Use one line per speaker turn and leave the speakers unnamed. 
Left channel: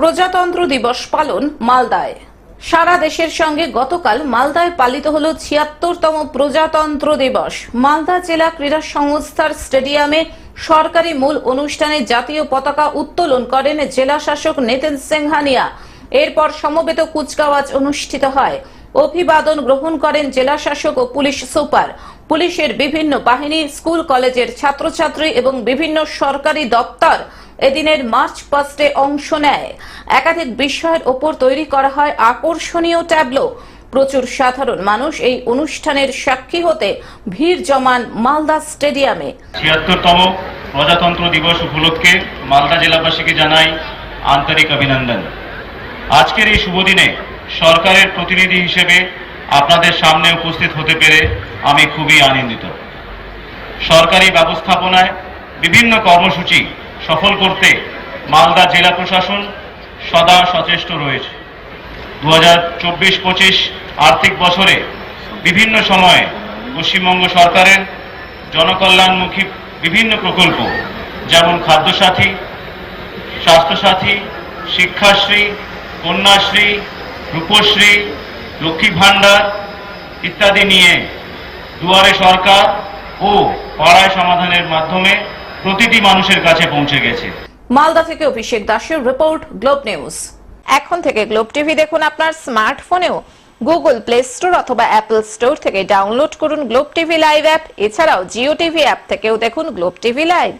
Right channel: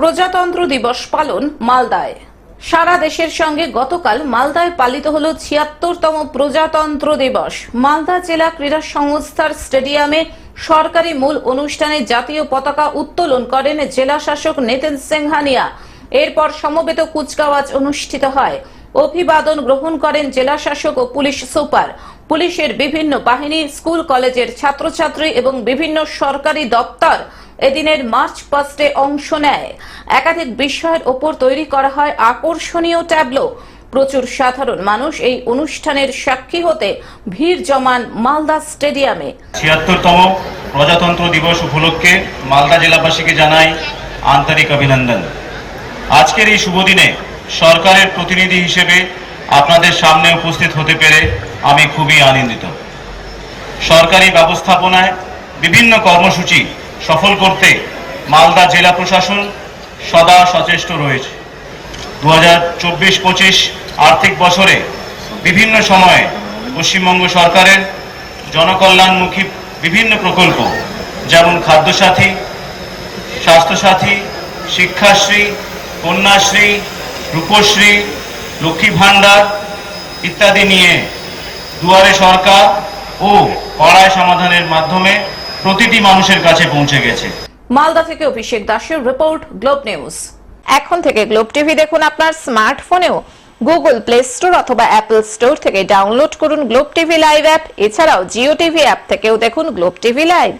প্রজাতন্ত্র দিবস পালন মালদায়। সারা দেশের সঙ্গে গতকাল মালদায় পালিত হল ছিয়াত্তরতম প্রজাতন্ত্র দিবস। মালদা জেলা ক্রীড়া সংস্থার স্টেডিয়ামে সরকারি মূল অনুষ্ঠানে জাতীয় পতাকা উত্তোলন করেন জেলা শাসক নেতেন সিংহানিয়া এরপর সমবেত কুচকাওয়াজ অনুষ্ঠিত হয়। অভিবাদন গ্রহণ করেন জেলা শাসক ও পুলিশ সুপার। পুলিশের বিভিন্ন বাহিনী, স্কুল, কলেজের ছাত্রছাত্রী এবং বিভিন্ন সরকারি দপ্তর এদিনের মার্চ পাস্টে অংশ নেয়। একাধিক বিষয়ের ওপর তৈরি করা হয় আকর্ষণীয় ট্যাবলো। প্রচুর সাধারণ মানুষ এই অনুষ্ঠানের সাক্ষী হতে ভিড় জমান মালদা স্টেডিয়ামে।
ছিয়াত্তরতম প্রজাতন্ত্র দিবস উপলক্ষে মালদা জেলাবাসীকে জানাই আন্তরিক অভিনন্দন। আজকের এই শুভ দিনে সরকারের প্রতিনিধি হিসেবে আপনাদের সামনে উপস্থিত হতে পেরে আমি খুবই আনন্দিত। সরকারি ব্যবস্থাপনায় বিভিন্ন কর্মসূচি সফল করতে মালদা জেলা প্রশাসন সদা সচেষ্ট রয়েছে। দু হাজার চব্বিশ পঁচিশ আর্থিক বছরে বিভিন্ন সময়ে পশ্চিমবঙ্গ সরকারের জনকল্যাণমুখী বিভিন্ন প্রকল্প, যেমন খাদ্যসাথী, স্বাস্থ্যসাথী, শিক্ষাশ্রী, কন্যাশ্রী, রূপশ্রী লক্ষ্মী ভাণ্ডার ইত্যাদি নিয়ে দুয়ারে সরকার ও পাড়ায় সমাধানের মাধ্যমে প্রতিটি মানুষের কাছে পৌঁছে গেছে।
মালদা থেকে অভিষেক দাসের রিপোর্ট গ্লোব নিউজ। এখন থেকে গ্লোব টিভি দেখুন আপনার স্মার্টফোনেও। গুগল প্লে স্টোর অথবা অ্যাপল স্টোর থেকে ডাউনলোড করুন গ্লোব টিভি লাইভ অ্যাপ। এছাড়াও জিও টিভি অ্যাপ থেকেও দেখুন গ্লোব টিভি লাইভ।